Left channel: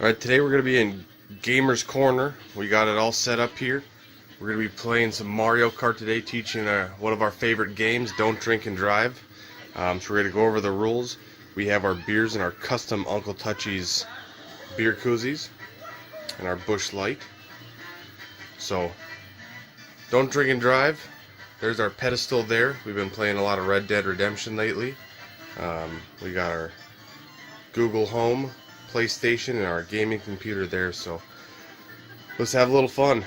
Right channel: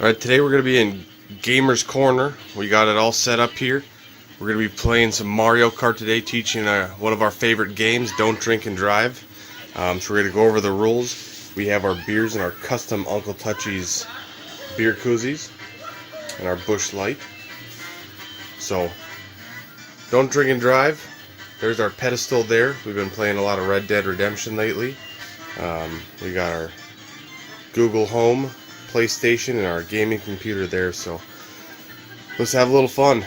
Alright, today we're going to be in Gamer's Corner. We got it all set up here. We're going to be playing some Mario Kart today, teaching one of our favorite games, Don't Drink and Drive. So we're going to go over the rules. We have our beers and our custom Uncle Touchy's beer koozies and our Busch Light. So, don't drink and drive. There's our pedestal there. We've been playing a lot of Red Dead Redemption lately. We got our Google Home, PlayStation, and our gaming computer there, so let's have a little fun.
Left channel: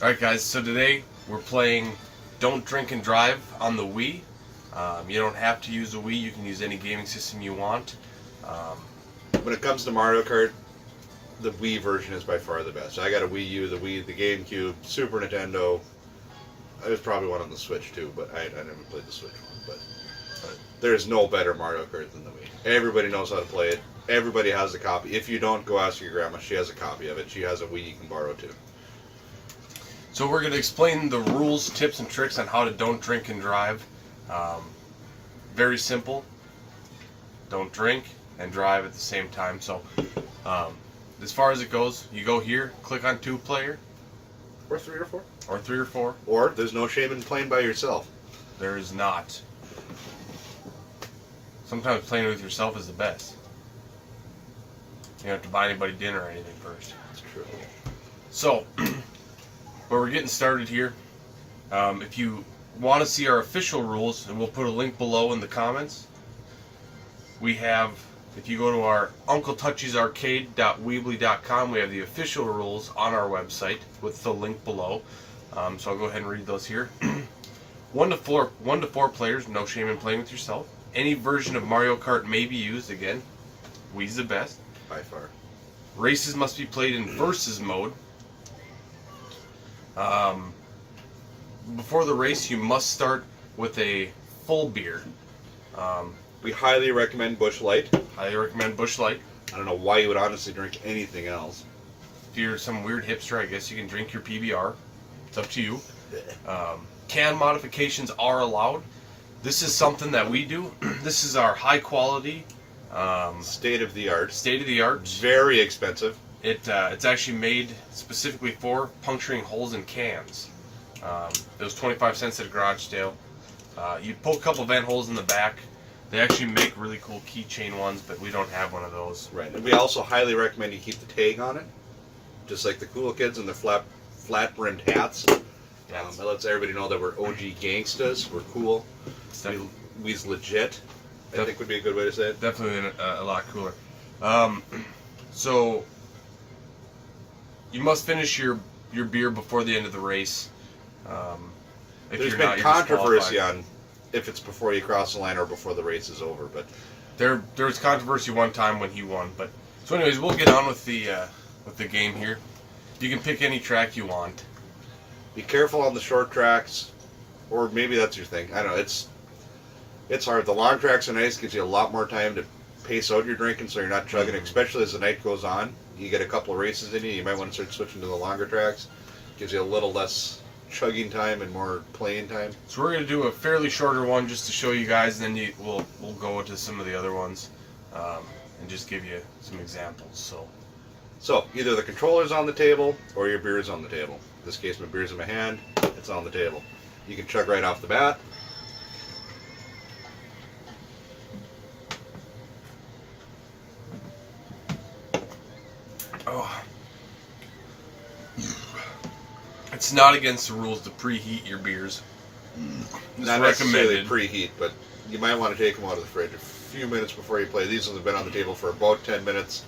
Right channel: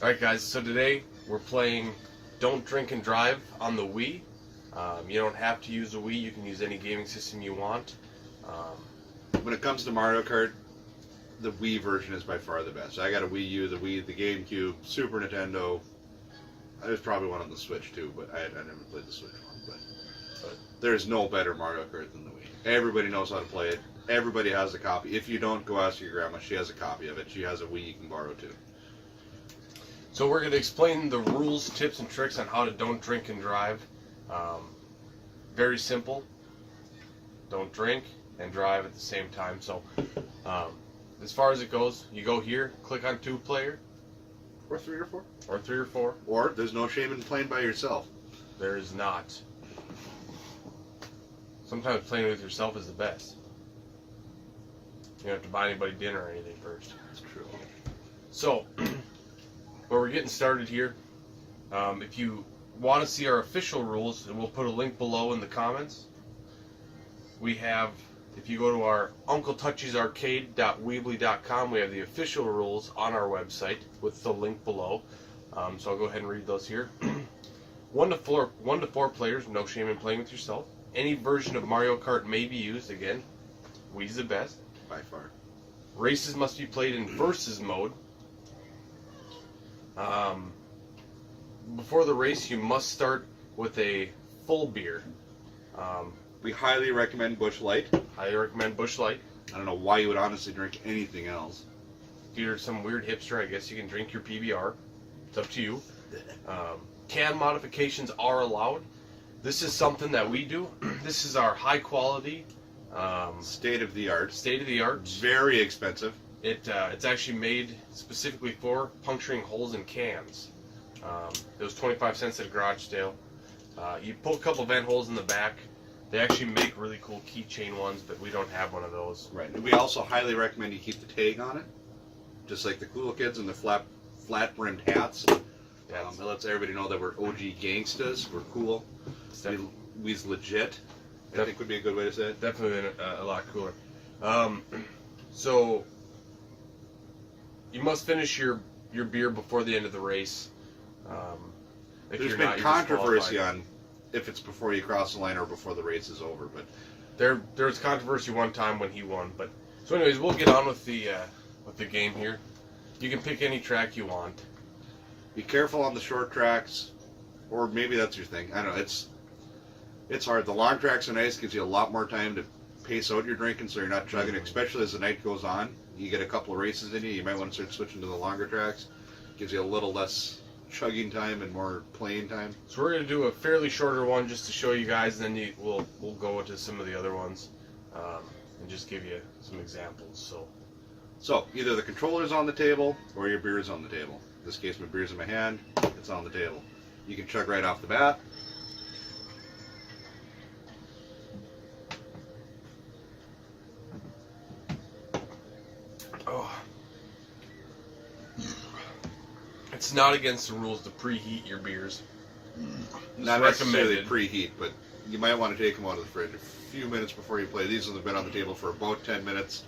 Alright guys, so today we're playing Don't Drink and Drive on the Wii. You don't have to use a Wii, you can use any gaming system you want. When it comes to Mario Kart, the Wii version is by far the best. I got a Wii U, the Wii, the GameCube, Super Nintendo. I was probably one on the Switch too, but I never played the Switch one. But there's no better Mario Kart than the Wii. Everybody knows how to play it. Everybody has a copy. If you don't, go ask your grandma. She has a copy of it. She has a Wii you can borrow too. So we're going to explain the rules, tips, and tricks on how to don't drink and drive. Very simple. Don't drink and drive at the same time. So as far as it goes, you go here, click on 2-player. Or 3 or 4. Or 3 or 4. Or there's no shame in playing by yourself. There is not. Sometimes playing with yourself is the best. You don't have to buy anybody dinner or anything first. That's true. So, but we're getting started here. If you want to see our official rules, and we'll put a link below in the comments. We have, if you go to our UncleTouchy'sArcade.weebly.com, we have the official rules on our website with the link below. So I'll go ahead and read those here. 1 to 4 players, no shame in playing with yourself. Any version of Mario Kart may be used. Again, Wii's the best. By far. Races must be played in versus mode. Before the race, you must start with a full beer. We highly recommend Busch Light. Highly recommend Busch Light. I don't know why you would honestly drink anything else. If you're some weird hipster, I guess you can drink your PBR. It's up to you. Can modifications are allowed. This is something that we do. This is our high quality, State of the art. Very expensive. It's actually made specifically for puncturing holes in cans. It was 25 cents at a garage sale. You pull a couple vent holes in the back. They actually make really cool keychain ones, but we don't have one of those. Right. And we also highly recommend you keep the tag on it, just like the cool kids and the flat-brimmed hats. Yeah, It lets everybody know that we're OG gangstas. We're cool. We's legit. I think would be a good way to say it. Definitely a lot cooler. So you must finish your beer before the end of the race. If There's you're been not, you're controversy disqualified. on if it's before you cross the line or before the race is over, but There was controversy one time when he won, but so anyways, we'll get on with the game here. You can pick any track you want. be careful on the short tracks, or maybe that's your thing. I don't know. It's hard. The long tracks are nice, gives you a lot more time to pace out your drinking, so you're not chugging. Especially as the night goes on, you get a couple of races in you. You might want to start switching to the longer tracks. Gives you a little less chugging time and more playing time. So we're gonna do a fairly shorter one just to show you guys, and then we'll go into some of the other ones and just give you some examples. So either the controller's on the table or your beer's on the table. In this case, my beer's in my hand. It's on the table. You can chug right off the bat. Oh. It's not against the rules to preheat your beers. Not necessarily preheat, but you might want to take them out of the fridge a few minutes before you play. These have been on the table for about 10 minutes.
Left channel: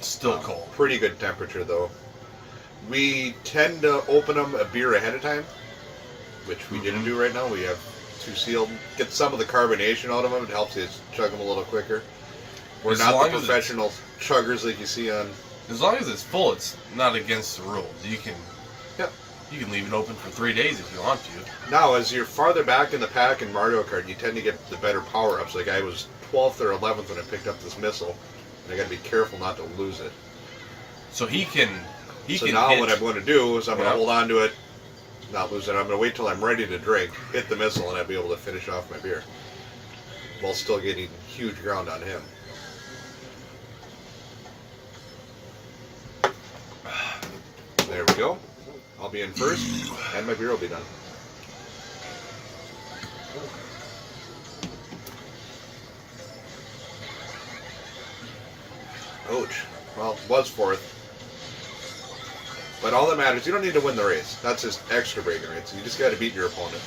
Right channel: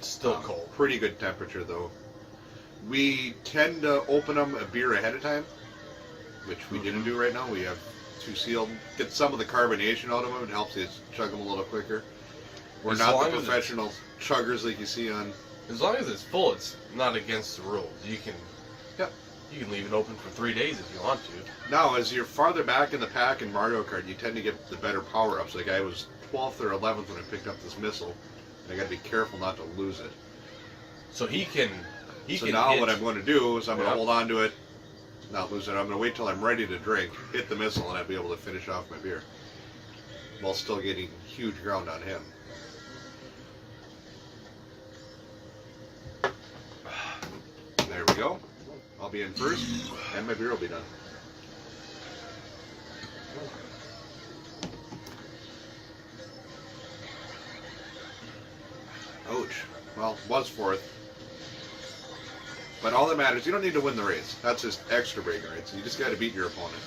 Still cold. Pretty good temperature, though. We tend to open them a beer ahead of time, which we didn't do right now. We have 2 sealed. Get some of the carbonation out of them. It helps you chug them a little quicker. We're not the professional chuggers like you see on... As long as it's full, it's not against the rules. You can Yep. You can leave it open for 3 days if you want to. Now, as you're farther back in the pack in Mario Kart, you tend to get the better power-ups. Like I was 12th or 11th when I picked up this missile, and I got to be careful not to lose it. So he can So now hit. what I'm going to do is I'm going to hold on to it, not lose it. I'm going to wait till I'm ready to drink, hit the missile, and I'll be able to finish off my beer while still getting huge ground on him. There we go. I'll be in first, and my beer will be done. Ouch. Well, was fourth. But all that matters, you don't need to win the race. That's just extra bragging rights. You just got to beat your opponent.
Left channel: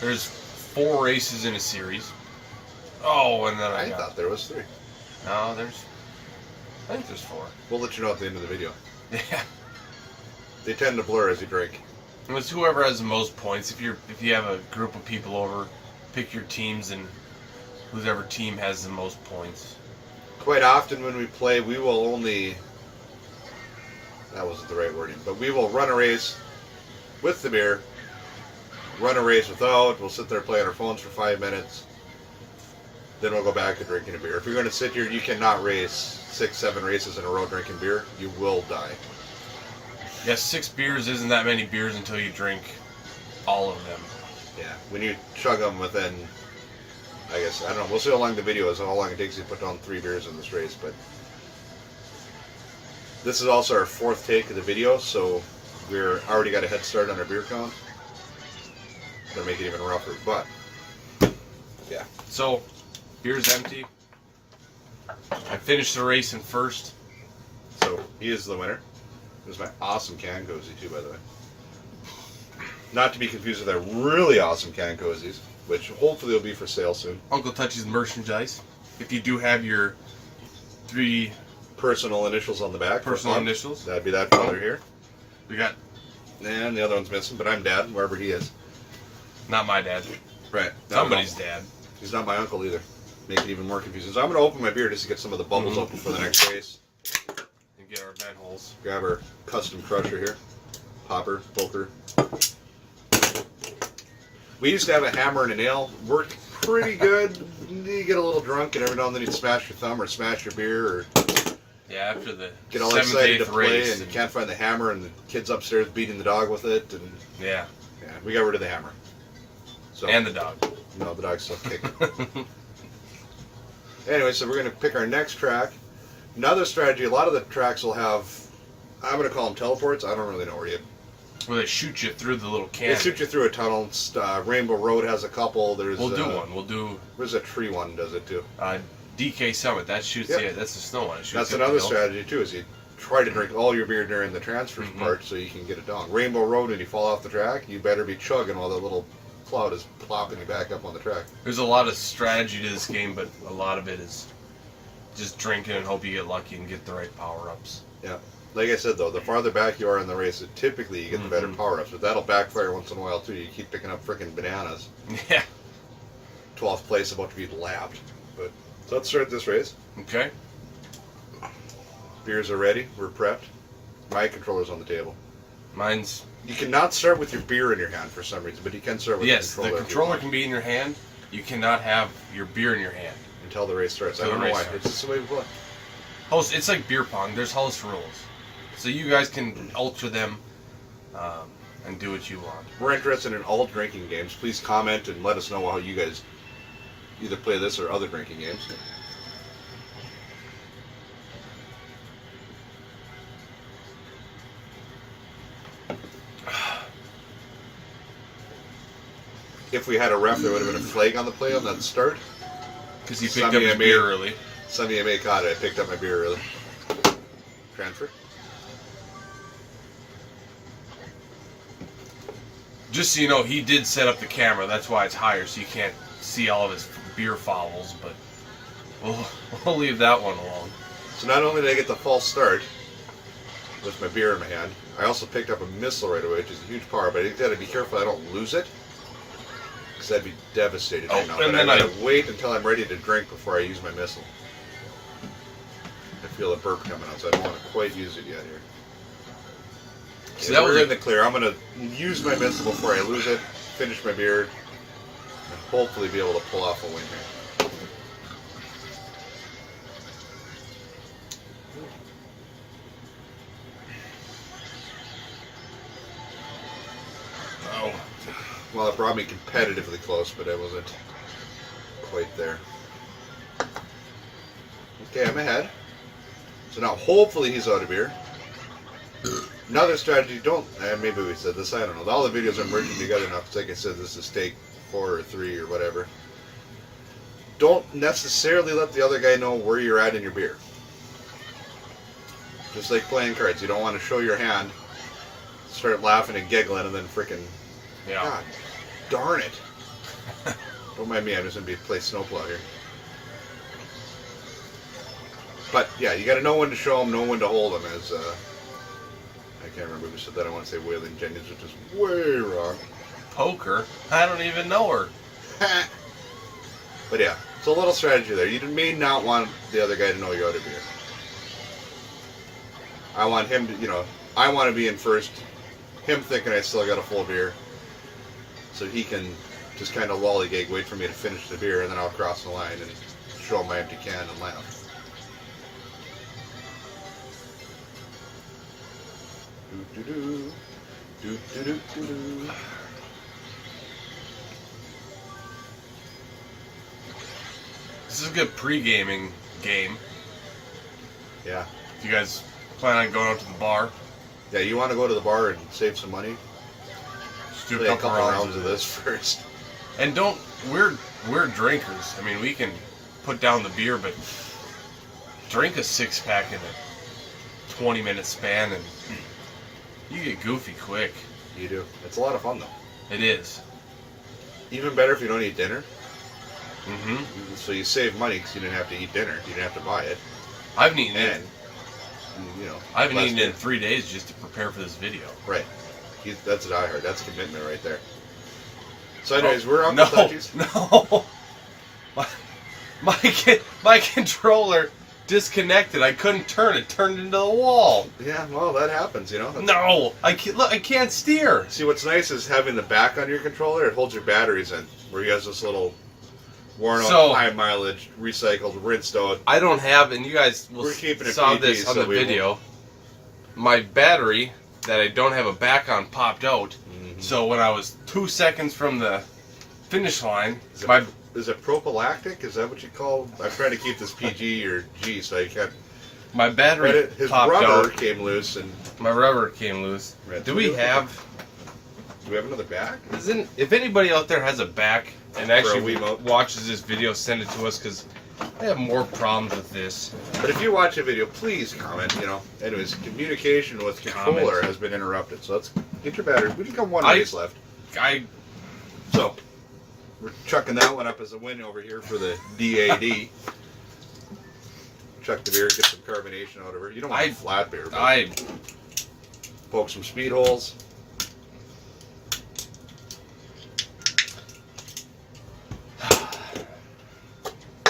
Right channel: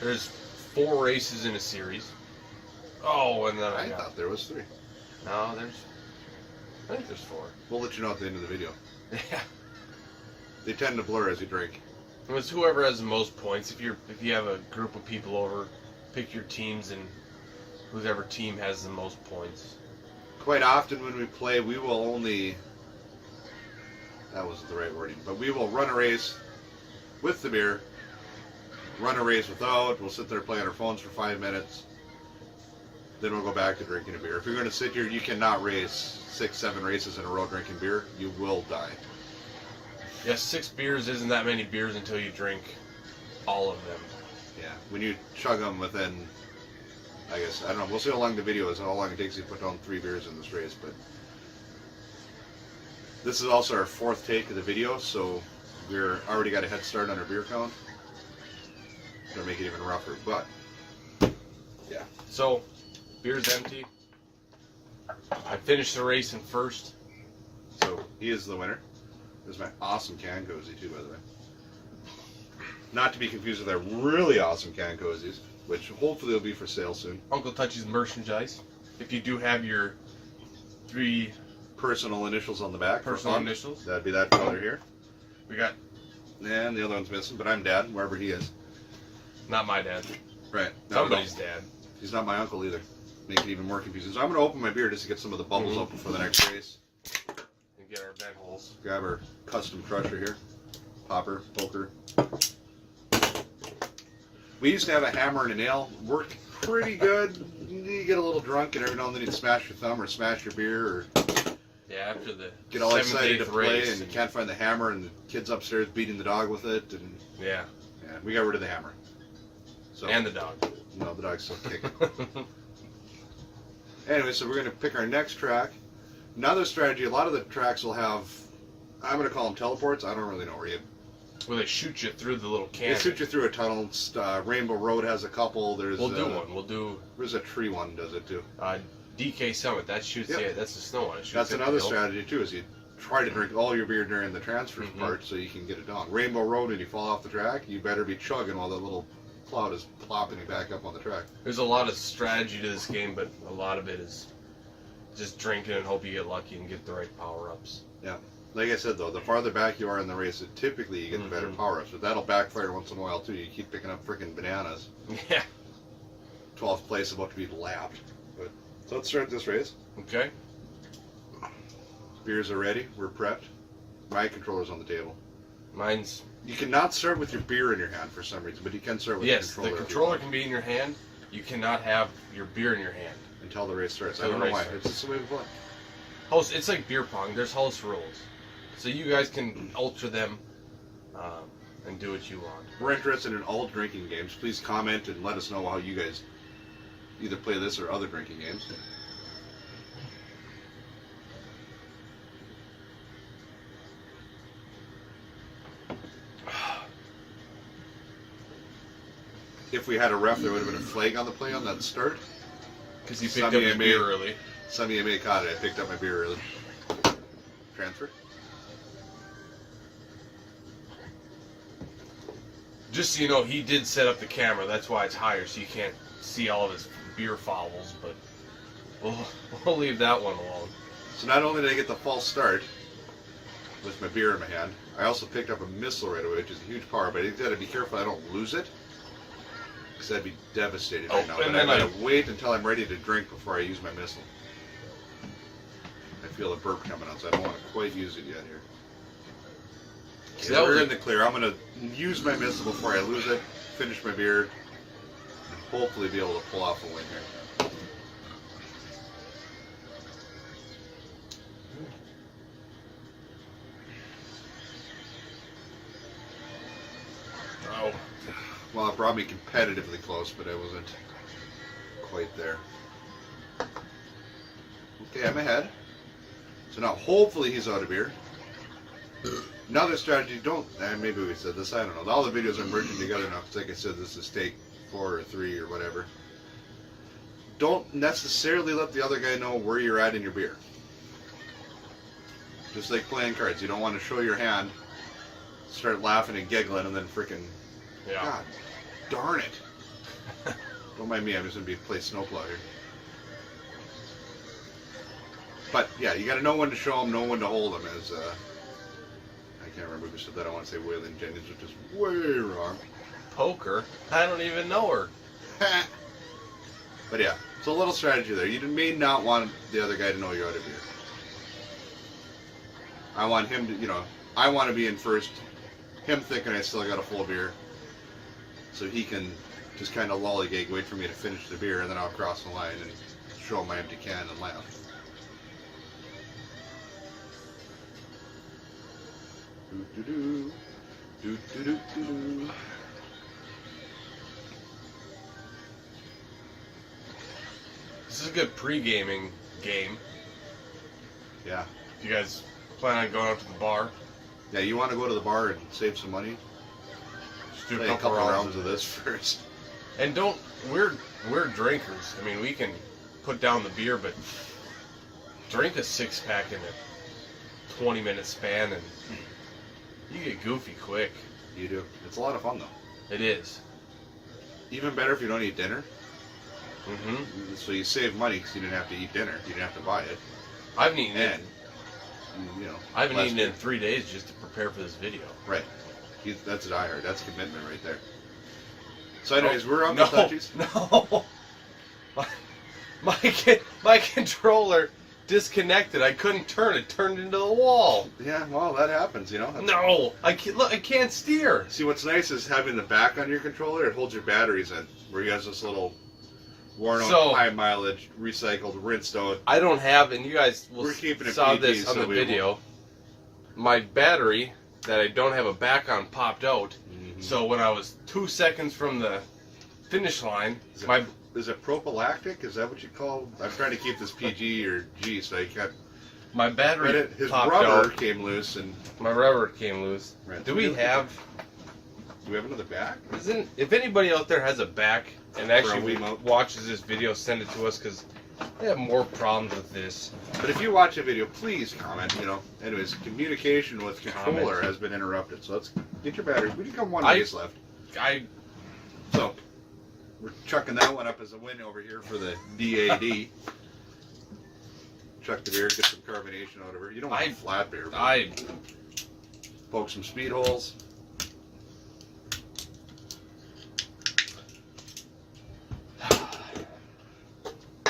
There's 4 races in a series. Oh, and then I thought there was 3. No, I think there's 4. We'll let you know at the end of the video. Yeah. They tend to blur as you drink. And it's whoever has the most points. If you have a group of people over, pick your teams and whoever team has the most points. Quite often when we play, we will only... That wasn't the right wording. But we will run a race with the beer, run a race without. We'll sit there play on our phones for 5 minutes. Then we'll go back to drinking a beer. If you're going to sit here, you cannot race 6-7 races in a row drinking beer. You will die. Yeah, 6 beers isn't that many beers until you drink all of them. Yeah, when you chug them within, I guess, I don't know, we'll see how long the video is, how long it takes you to put down 3 beers in this race, but this is also our 4th take of the video, so we're already got a head start on our beer count. Gonna make it even rougher, but, yeah. So, beer's empty. I finished the race in first. So, he is the winner. This is my awesome can cozy too, by the way. Not to be confused with our really awesome can cozies, which hopefully will be for sale soon. Uncle Touchy's merchandise. If you do have your 3 Personal initials on the back. personal initials, That'd be that father here. we got And the other one's missing, but I'm dad, wherever he is. not my dad, Right. somebody's dad. He's not my uncle either. Make it even more confusing. So I'm going to open my beer just to get some of the bubbles Mhm. open for the next race. And get our vent holes. Grab our custom crusher here. Popper, poker. We used to have a hammer and a nail. Worked pretty good. You get a little drunk and every now and then you'd smash your thumb or smash your beer or Yeah, after the get all 7th, excited to 8th play race. and you can't find the hammer and the kid's upstairs beating the dog with it. And Yeah, yeah, we got rid of the hammer. So, and the dog. no, the dog's still kicking. Anyway, so we're going to pick our next track. Another strategy, a lot of the tracks will have, I'm going to call them teleports. I don't really know where you. Where they shoot you through the little They cannon. shoot you through a tunnel. Rainbow Road has a couple. There's We'll do one. We'll do There's a tree one does it too. DK Summit. That shoots Yep. you. That's the snow one. It shoots That's you up the another hill. strategy too. Is you try to drink all your beer during the transfer Mhm. part so you can get it down. Rainbow Road, and you fall off the track, you better be chugging while that little cloud is plopping you back up on the track. There's a lot of strategy to this game, but a lot of it is just drinking and hope you get lucky and get the right power ups. Yeah. Like I said though, the farther back you are in the race, typically you get the better Mhm. power ups, but that'll backfire once in a while too. You keep picking up freaking bananas. Yeah. 12th place about to be lapped. But so let's start this race. Okay. Beers are ready. We're prepped. My controller's on the table. Mine's You cannot start with your beer in your hand for some reason, but you can start with yes. the The controller. if you controller want, can be in your hand. You cannot have your beer in your hand. until the race starts. I Until don't the know why. race starts. It's just the way we play. House. It's like beer pong. There's house rules, so you guys can alter them and do what you want. We're interested in all drinking games. Please comment and let us know how you guys either play this or other drinking games. If we had a ref, there would have been a flag on the play on that start. Because you picked Sunday up your I beer made- early. Sunday I made caught it. I picked up my beer early. Transfer. Just so you know, he did set up the camera. That's why it's higher, so you can't see all of his beer fouls. But we'll leave that one alone. So not only did I get the false start with my beer in my hand, I also picked up a missile right away, which is a huge power. But I got to be careful I don't lose it, because I'd be devastated right Oh, now. and But then I gotta wait until I'm ready to drink before I use my missile. I feel a burp coming out, so I don't want to quite use it yet here. See, Yeah, that we're was in the clear. I'm gonna use my missile before I lose it, finish my beer, and hopefully be able to pull off a win here. No. Well, it brought me competitively close, but I wasn't quite there. Okay, I'm ahead. So now hopefully he's out of beer. Another strategy, maybe we said this, I don't know. All the videos are merging together now, because like I said, this is take 4 or 3 or whatever. Don't necessarily let the other guy know where you're at in your beer. Just like playing cards. You don't want to show your hand, start laughing and giggling, and then freaking, Yeah. God darn it. Don't mind me, I'm just going to play Snowplow here. But yeah, you got to know when to show them, know when to hold them. As I can't remember who said that. I want to say Waylon Jenkins, which is way wrong. Poker? I don't even know her. But yeah, it's a little strategy there. You may not want the other guy to know you're out of beer. I want him to, I want to be in first. Him thinking I still got a full beer, so he can just kind of lollygag, wait for me to finish the beer, and then I'll cross the line and show him my empty can and laugh. Do-do-do. Do-do-do-do-do. This is a good pre-gaming game. Yeah. You guys plan on going out to the bar? Yeah, you want to go to the bar and save some money? Just do Play a couple rounds of this first. And we're drinkers. I mean, we can put down the beer, but drink a 6-pack in a 20-minute span, and you get goofy quick. You do. It's a lot of fun, though. It is. Even better if you don't eat dinner. Mm-hmm. So you save money because you didn't have to eat dinner. You didn't have to buy it. I haven't eaten And, it. I I haven't eaten in 3 days just to prepare for this video. Right. That's a diehard. That's commitment right there. So anyways, we're Uncle No, Touchies. no. My controller disconnected. I couldn't turn it. Turned into the wall. Yeah, well, that happens, No, I can't steer. See, what's nice is having the back on your controller. It holds your batteries in, where you have this little worn out, So- high mileage, recycled, rinsed out. I don't have, and you guys will We're keeping it saw PG, this on so the we video. My battery that I don't have a back on popped out. Mhm. So when I was 2 seconds from the finish line, Is it prophylactic? Is that what you call? I'm trying to keep this PG or G, so I can't. my battery But his popped rubber out. came loose, and My rubber came loose. Right. Do we have? do we have another back? If anybody out there has a back and actually Wiimote? watches this video, send it to us, because I have more problems with this. But if you watch a video, please comment. Anyways, communication with controller Comment. has been interrupted. So let's get your battery. We just got one I- race left. So we're chucking that one up as a win over here for the DAD. Chuck the beer, get some carbonation out of her. You don't want flat beer, but I poke some speed holes.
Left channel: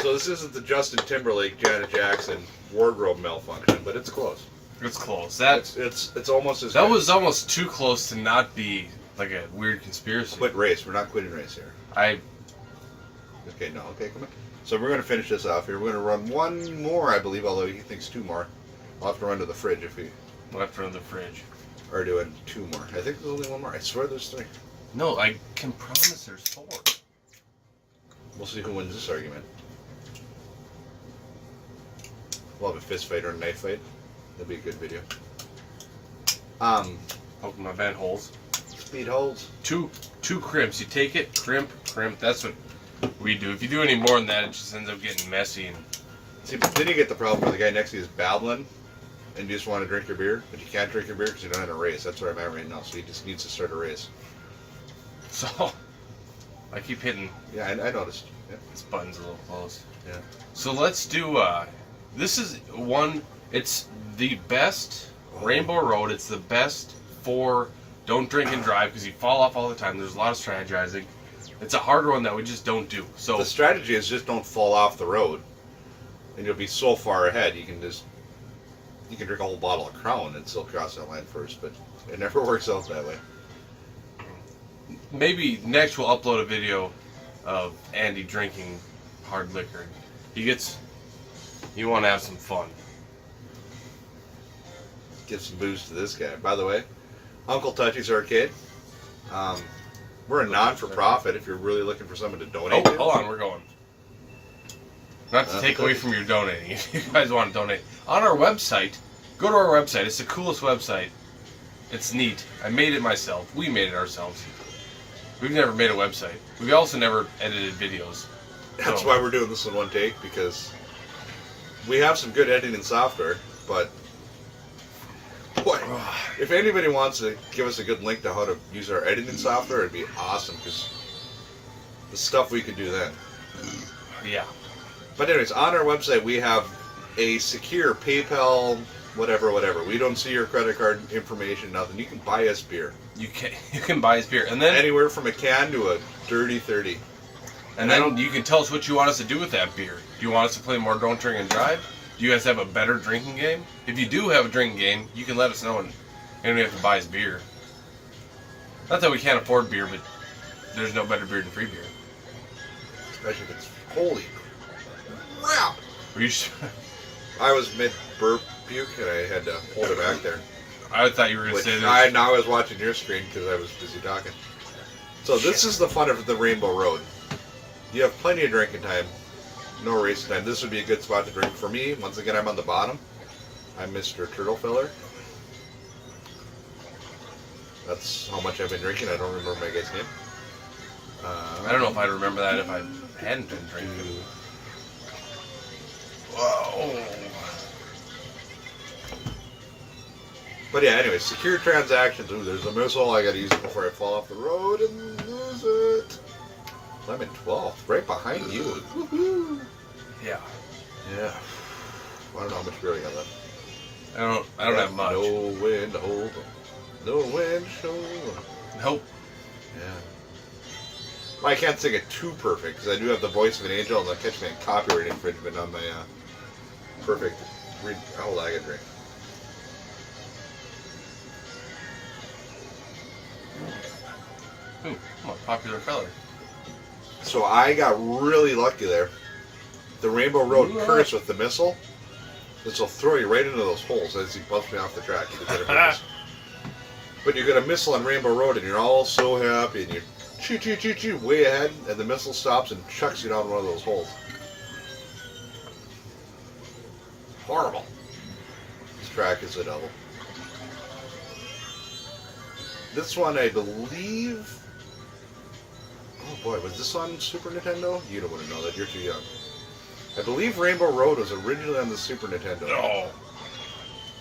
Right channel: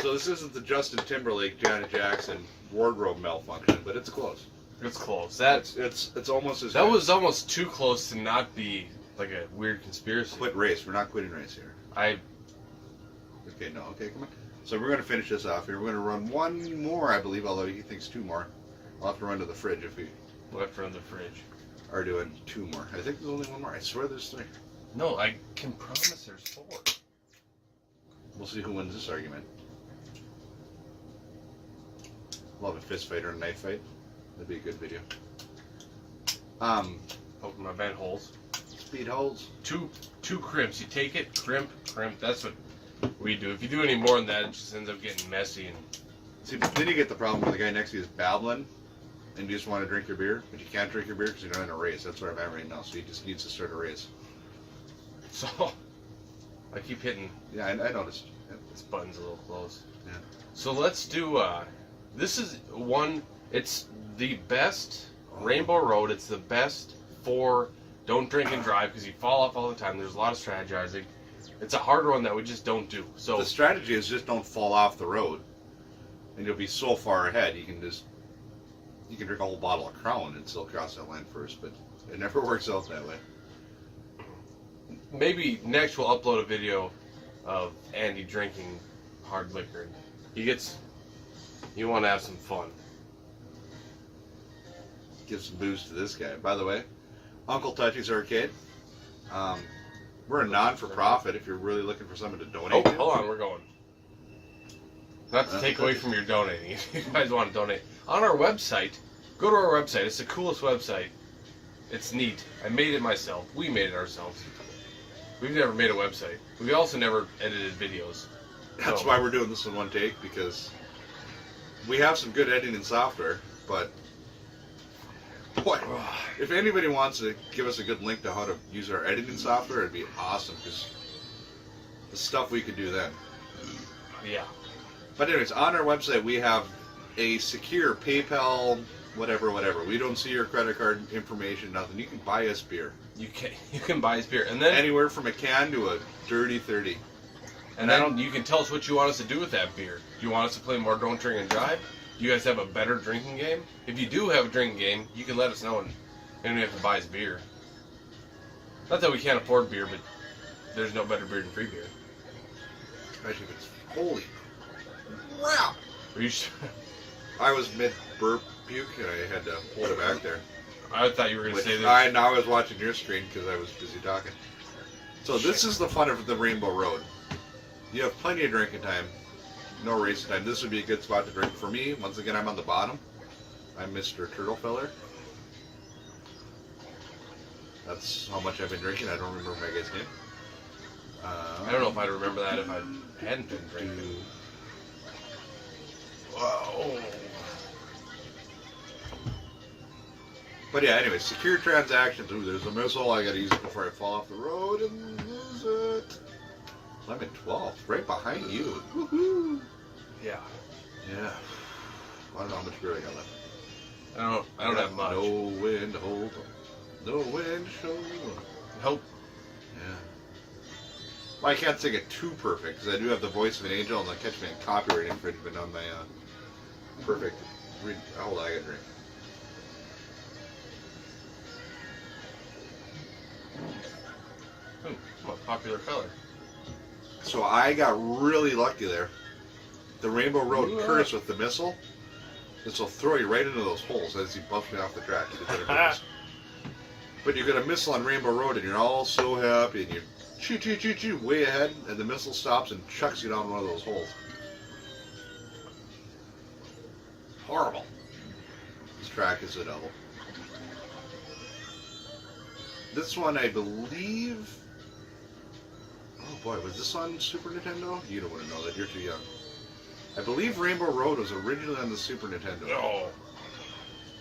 So this isn't the Justin Timberlake, Janet Jackson wardrobe malfunction, but it's close. It's close. It's almost as That good. was almost too close to not be like a weird conspiracy. Quit race. We're not quitting race here. Okay, no. Okay, come on. So we're going to finish this off here. We're going to run one more, I believe, although he thinks 2 more. We'll have to run to the fridge if we left from the fridge. are doing 2 more. I think there's only 1 more. I swear there's 3. No, I can promise there's 4. We'll see who wins this argument. We'll have a fist fight or a knife fight. That'd be a good video. Poking my vent holes. Speed holes. Two crimps. You take it, crimp. That's what we do. If you do any more than that, it just ends up getting messy. And See, but then you get the problem where the guy next to you is babbling, and you just want to drink your beer, but you can't drink your beer because you're not in a race. That's where I'm at right now. So he just needs to start a race. so I keep hitting Yeah, I noticed. Yeah. this button's a little close. Yeah. So let's do. This is one. It's the best Rainbow Road. It's the best for don't drink and drive because you fall off all the time. There's a lot of strategizing. It's a harder one that we just don't do. So The strategy is just don't fall off the road, and you'll be so far ahead. You can drink a whole bottle of Crown and still cross that line first, but it never works out that way. maybe next we'll upload a video of Andy drinking hard liquor. You want to have some fun. Give some booze to this guy. By the way, Uncle Touchy's Arcade. We're a non-for-profit if you're really looking for someone to Oh, donate to. hold on, we're going. Not to take away from your donating. If you guys want to donate, on our website, go to our website. It's the coolest website. It's neat. I made it myself. We made it ourselves. We've never made a website. We've also never edited videos. That's So- why we're doing this in one take, because we have some good editing software, but boy, if anybody wants to give us a good link to how to use our editing software, it'd be awesome, because the stuff we could do then. Yeah. But anyways, on our website we have a secure PayPal, whatever. We don't see your credit card information, nothing. You can buy us beer. You can buy his beer, and then Anywhere from a can to a dirty 30. and then you can tell us what you want us to do with that beer. Do you want us to play more Don't Drink and Drive? Do you guys have a better drinking game? If you do have a drinking game, you can let us know, and you don't have to buy his beer. Not that we can't afford beer, but there's no better beer than free beer. Especially if it's holy crap. Are you sure? I was mid-burp puke and I had to hold it back there. I thought you were going to Which say I this. now was watching your screen because I was busy talking. So this is the fun of the Rainbow Road. You have plenty of drinking time, no racing time. This would be a good spot to drink for me. Once again, I'm on the bottom. I'm Mr. Turtle Filler. That's how much I've been drinking. I don't remember my guy's name. I don't know if I'd remember that if I hadn't been drinking. Whoa. But yeah, anyway, secure transactions. Ooh, there's a missile. I gotta use it before I fall off the road and lose it. Lemon 12, right behind you. Woohoo! Yeah. Yeah. I don't know how much beer I got left. I don't have much. No wind to hold them. No wind to show them. Nope. Yeah. Well, I can't sing it too perfect because I do have the voice of an angel and they'll catch me in copyright infringement on my perfect. Hold on, I gotta drink. Ooh, I'm a popular feller. So I got really lucky there. The Rainbow Road Ooh. curse with the missile. This will throw you right into those holes as he bumps me off the track. But you get a missile on Rainbow Road and you're all so happy and you're choo way ahead and the missile stops and chucks you down one of those holes. Horrible. This track is a double. This one I believe... Oh boy, was this on Super Nintendo? You don't want to know that, you're too young. I believe Rainbow Road was originally on the Super Nintendo. No.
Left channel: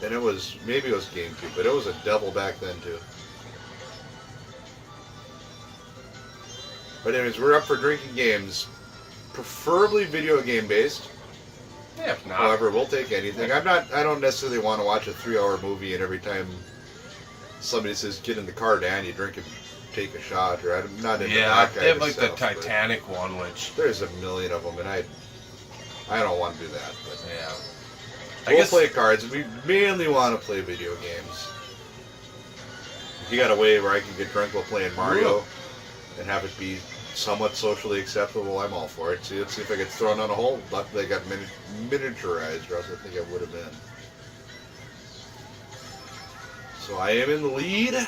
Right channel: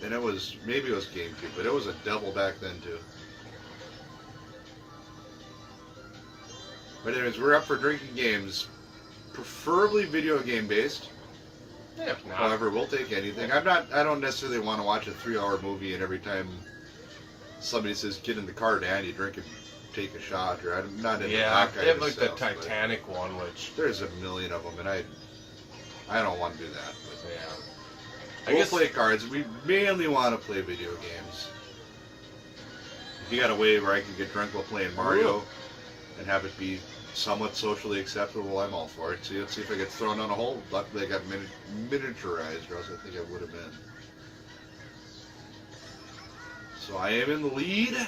And it was, maybe it was GameCube, but it was a double back then too. But anyways, we're up for drinking games, preferably video game based. Yeah, if not. However, we'll take anything. I don't necessarily want to watch a 3-hour movie and every time somebody says get in the car, Dan, you drink and take a shot, or I'm not into Yeah, that kind they have of like stuff, the but Titanic one, which, there's a million of them, and I don't want to do that. But yeah. we'll play cards. We mainly want to play video games. If you got a way where I can get drunk while playing Mario and have it be somewhat socially acceptable, I'm all for it. See, let's see if I get thrown on a hole. Luckily, I got miniaturized, or else I think I would have been. So I am in the lead.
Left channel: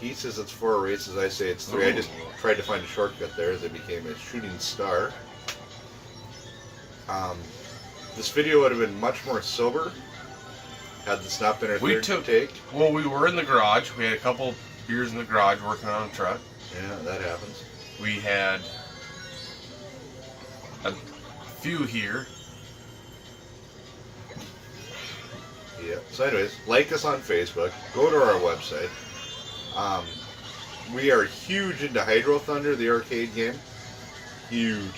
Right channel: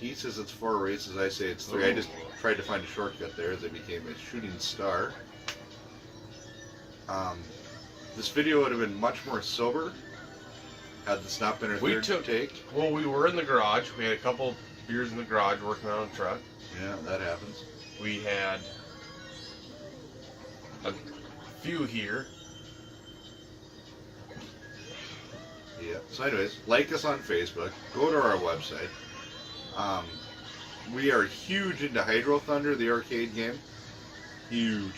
He says it's 4 races. I say it's 3. I just tried to find a shortcut there as I became a shooting star. This video would have been much more sober had this not been our third take. Well, we were in the garage. We had a couple beers in the garage working on a truck. Yeah, that happens. We had a few here. Yeah. So anyways, like us on Facebook. Go to our website. We are huge into Hydro Thunder, the arcade game. Huge.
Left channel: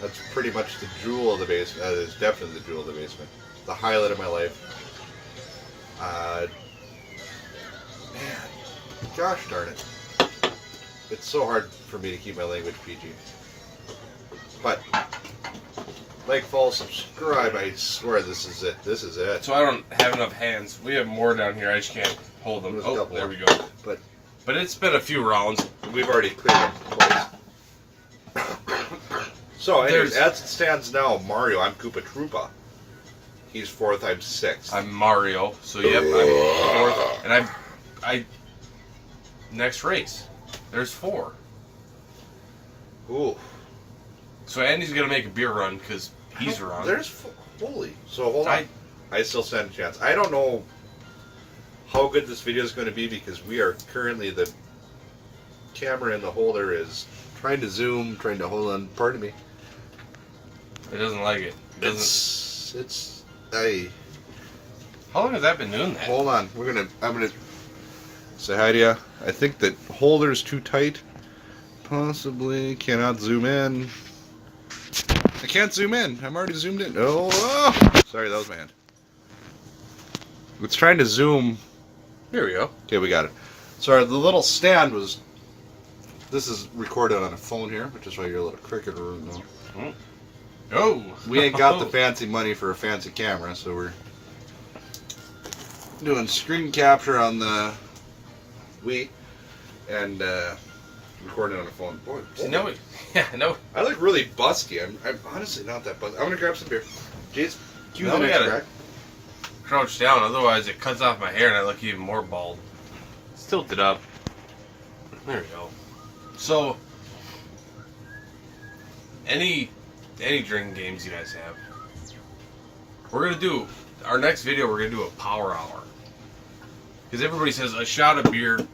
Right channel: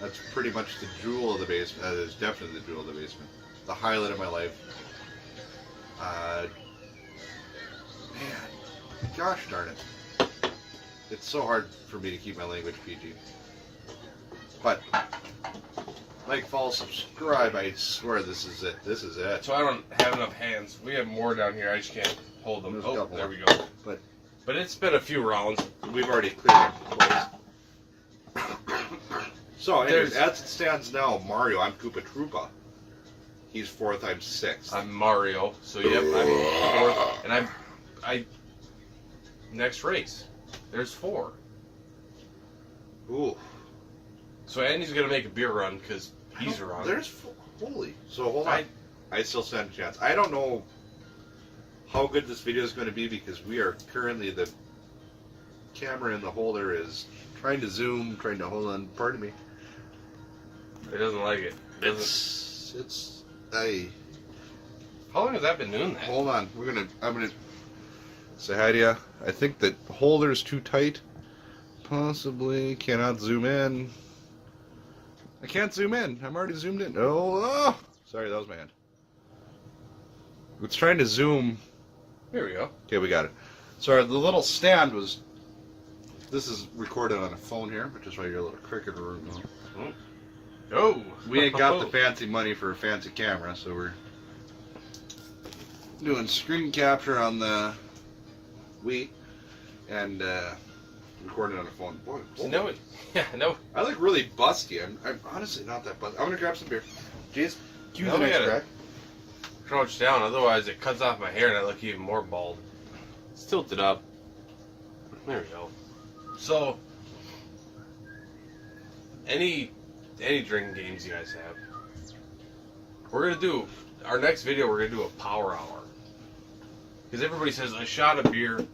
That's pretty much the jewel of the basement. That is definitely the jewel of the basement. The highlight of my life. Man, gosh darn it. It's so hard for me to keep my language PG. But, like, follow, subscribe. I swear this is it. This is it. So I don't have enough hands. We have more down here. I just can't hold them. There's a Oh, couple there more. we go. But it's been a few rounds. we've already cleared them twice. So, anyways, There's- as it stands now, Mario, I'm Koopa Troopa. He's 4th, I'm 6th. I'm Mario. So yep, I'm fourth, and next race. There's 4. Ooh. So Andy's gonna make a beer run because he's wrong. Holy. So hold on. I still stand a chance. I don't know how good this video is going to be because we are currently, the camera in the holder is trying to zoom, trying to hold on. Pardon me. It doesn't like it. How long has that been doing that? Hold on. I'm gonna say hi to you. I think the holder is too tight. Possibly cannot zoom in. I can't zoom in. I'm already zoomed in. Oh! Sorry, that was my hand. It's trying to zoom. Here we go. Okay, we got it. Sorry, the little stand was. This is recorded on a phone here, which is why you're a little cricket. Oh! We ain't got the fancy money for a fancy camera, so we're doing screen capture on the Wii and recording on a phone. Boy, Yeah, no. I look really busty. I'm honestly not that busty. I'm gonna grab some beer. Jeez, cue No, the we next gotta- track. Crouch down, otherwise it cuts off my hair and I look even more bald. It's tilted up. There we go. So, any drinking games you guys have? We're gonna do our next video. We're gonna do a power hour because everybody says a shot of beer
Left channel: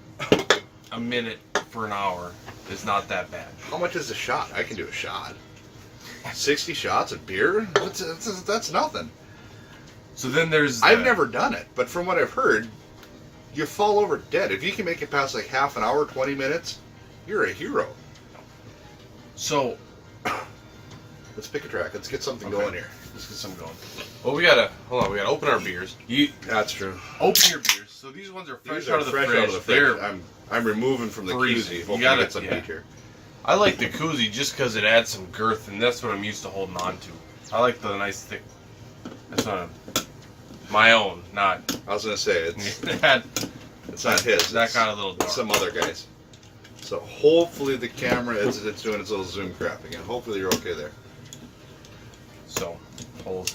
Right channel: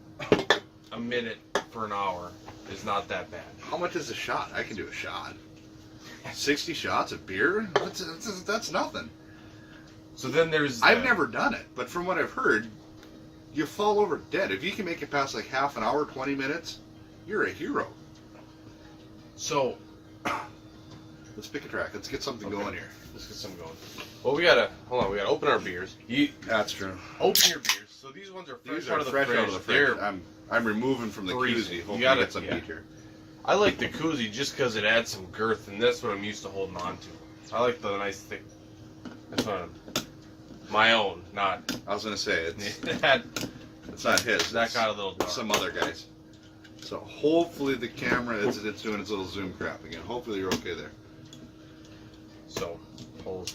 a minute for an hour is not that bad. How much is a shot? I can do a shot. 60 shots of beer? That's nothing. So then there's. I've never done it, but from what I've heard, you fall over dead. If you can make it past like half an hour, 20 minutes, you're a hero. So let's pick a track. Let's get something going here. Let's get something going. Well, we gotta open our beers. That's true. Open your beers. So these ones are fresh out of the fridge. Out of the fridge. I'm removing from the freezing. koozie. Hopefully You gotta get some heat here. I like the koozie just because it adds some girth, and that's what I'm used to holding on to. I like the nice thick. That's what my own, not. I was gonna say it's that not his. That got a little dark. It's some other guys. So hopefully the camera is doing its little zoom crap again. Hopefully you're okay there. So, hold.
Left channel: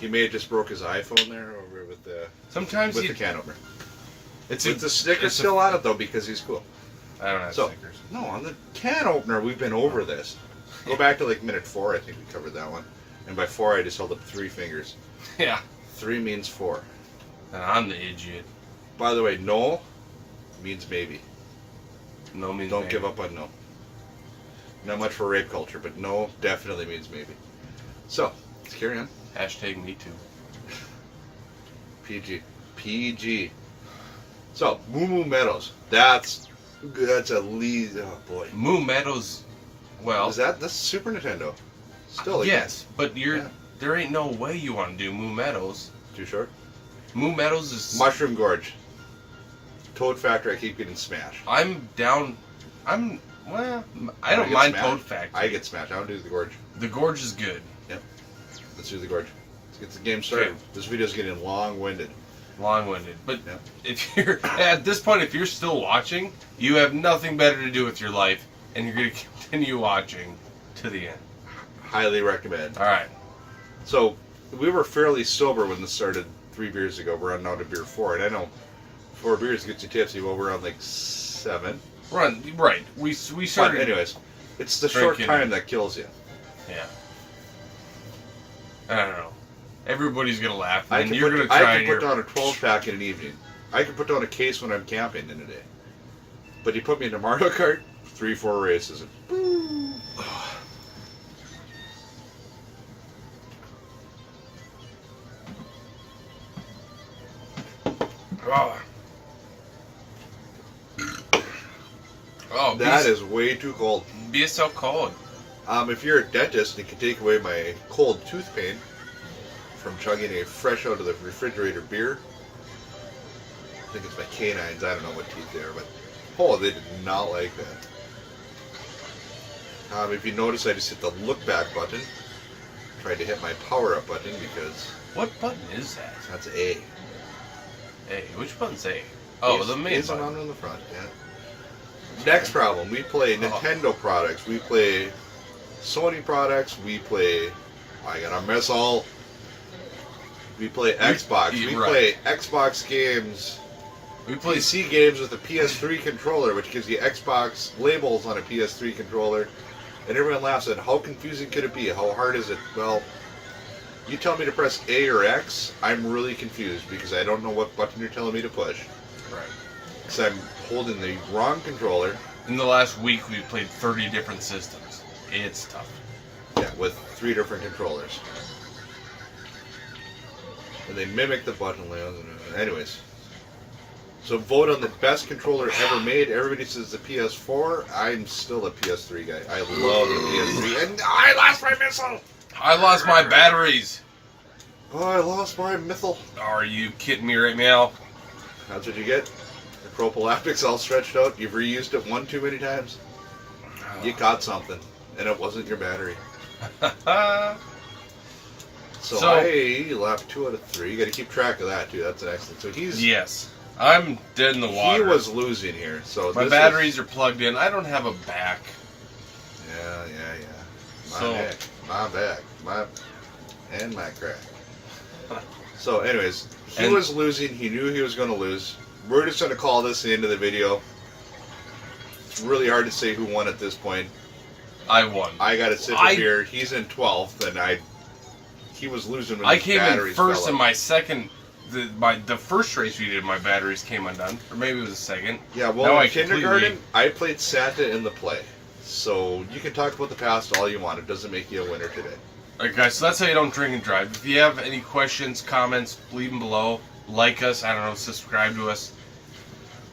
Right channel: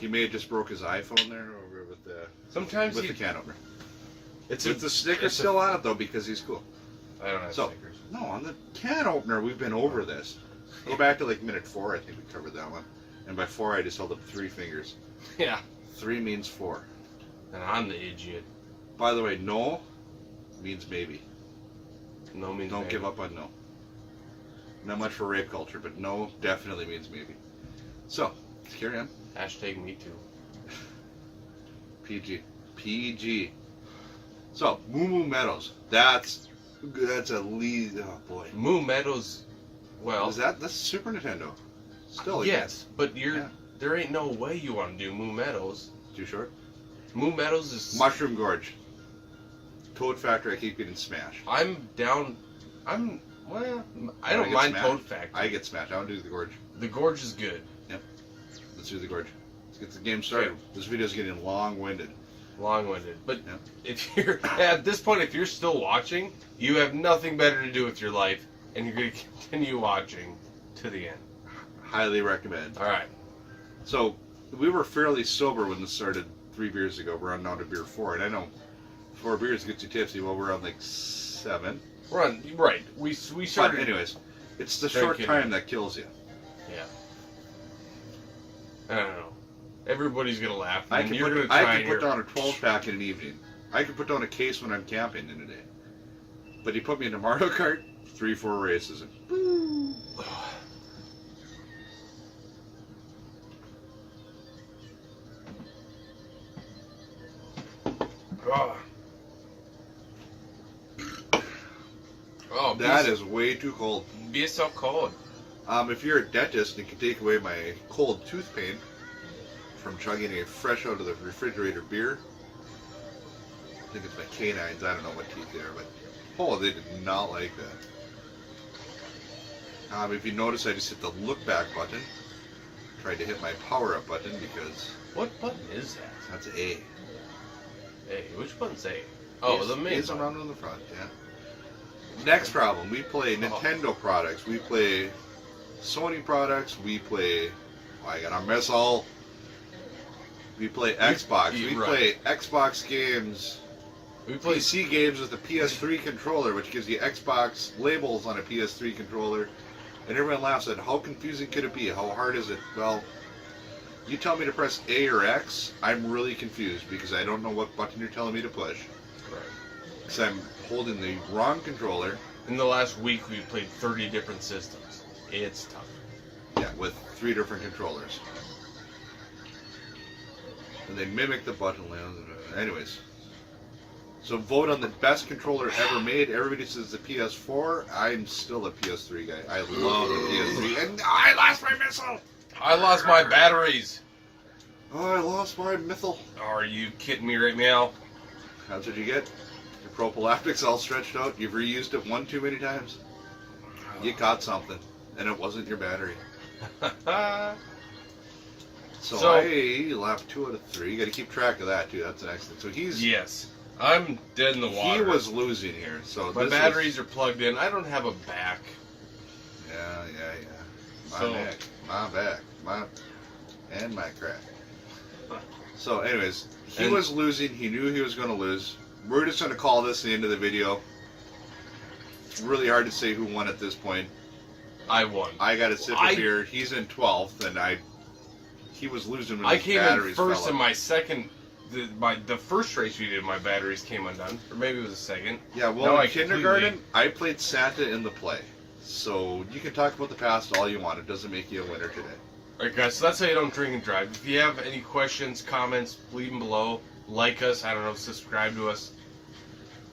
He may have just broke his iPhone there over with the the can opener. It's the sticker still on it though because he's cool. I don't have stickers. No, on the can opener we've been over this. Go back to like minute 4. I think we covered that one. And by 4 I just held up 3 fingers. Yeah. 3 means 4. And I'm the idiot. By the way, no means maybe. No means Don't maybe. give up on no. Not much for rape culture, but no definitely means maybe. So, let's carry on. Hashtag me too. PG. So, Moo Moo Meadows. That's a lead. Oh boy. Moo Meadows. Well, that's Super Nintendo? Still, yes, but there ain't no way you want to do Moo Meadows. Too short. Moo Meadows is Mushroom Gorge. Toad Factory. I keep getting smashed. I'm down. Well, I don't mind Toad Factory. I get smashed. I don't do the Gorge. The Gorge is good. Yep. Let's do the Gorge. Let's get the game started. Okay. This video's getting long-winded. Long-winded. But if you're at this point, if you're still watching, you have nothing better to do with your life, and you're going to continue watching to the end. Highly recommend. All right. So we were fairly sober when this started 3 beers ago. We're on now to beer 4, and I know 4 beers gets you tipsy. Well, we're on like 7. Right. We started. But anyways, it's the short time that kills you. Yeah. I don't know. Everybody's gonna laugh. I And can you're gonna try. I can put down a 12-pack in an evening. I can put down a case when I'm camping in a day. But you put me into Mario Kart, 3-4 races, and boom. Oh, that is way too cold. Be so cold. If you're a dentist, it can take away my cold tooth pain from chugging a fresh out of the refrigerator beer. I think it's my canines. I don't know what teeth they are, but they did not like that. If you notice, I just hit the look back button. Tried to hit my power up button because. What button is that? That's A. A. Which button's A? Oh, the main button. Around on the front. Yeah. Next problem. We play Nintendo products. We play Sony products. We play. I gotta miss all. We play Xbox. We play Xbox games We play PC games with a PS3 controller, which gives you Xbox labels on a PS3 controller, and everyone laughs at how confusing could it be? How hard is it? Well, you tell me to press A or X, I'm really confused because I don't know what button you're telling me to push. Right. Because I'm holding the wrong controller. In the last week, we've played 30 different systems. It's tough. Yeah, with 3 different controllers. And they mimic the button layout. Anyways. So vote on the best controller ever made. Everybody says the PS4. I'm still a PS3 guy. I love the PS3. And I lost my missile! I lost my batteries. Oh, I lost my missile. Are you kidding me right now? That's what you get. The prophylactic's all stretched out. You've reused it one too many times. You caught something. And it wasn't your battery. So I left 2 out of 3. You got to keep track of that too. That's an excellent. So he's Yes. I'm dead in the water. He was losing here. So my batteries are plugged in. I don't have a back. Yeah. My back, and my crack. So, anyways, he was losing. He knew he was going to lose. We're just going to call this the end of the video. It's really hard to say who won at this point. I won. I got a sip of beer. He's in 12th, and he was losing when I his came batteries in first fell in out. my second. The first race we did, my batteries came undone, or maybe it was the second. Yeah, well, No, in kindergarten, I played Santa in the play. So you can talk about the past all you want. It doesn't make you a winner today. Alright guys, so that's how you don't drink and drive. If you have any questions, comments, leave them below. Like us, I don't know, subscribe to us.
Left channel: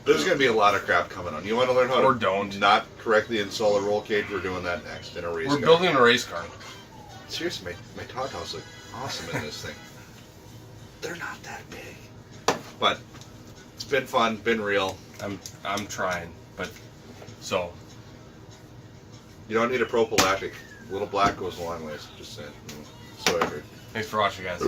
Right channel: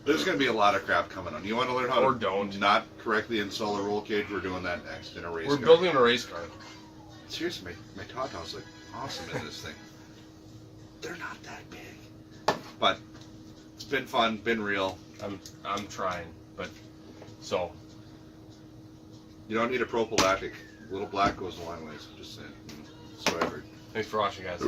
There's going to be a lot of crap coming on. You want to learn how Or to don't. not correctly install a roll cage? We're doing that next in a race We're car. building a race car. Seriously, my Todd House look awesome in this thing. They're not that big. But it's been fun, been real. I'm trying, but so You don't need a prophylactic. A little black goes a long ways. Just saying. So I heard. thanks for watching, guys.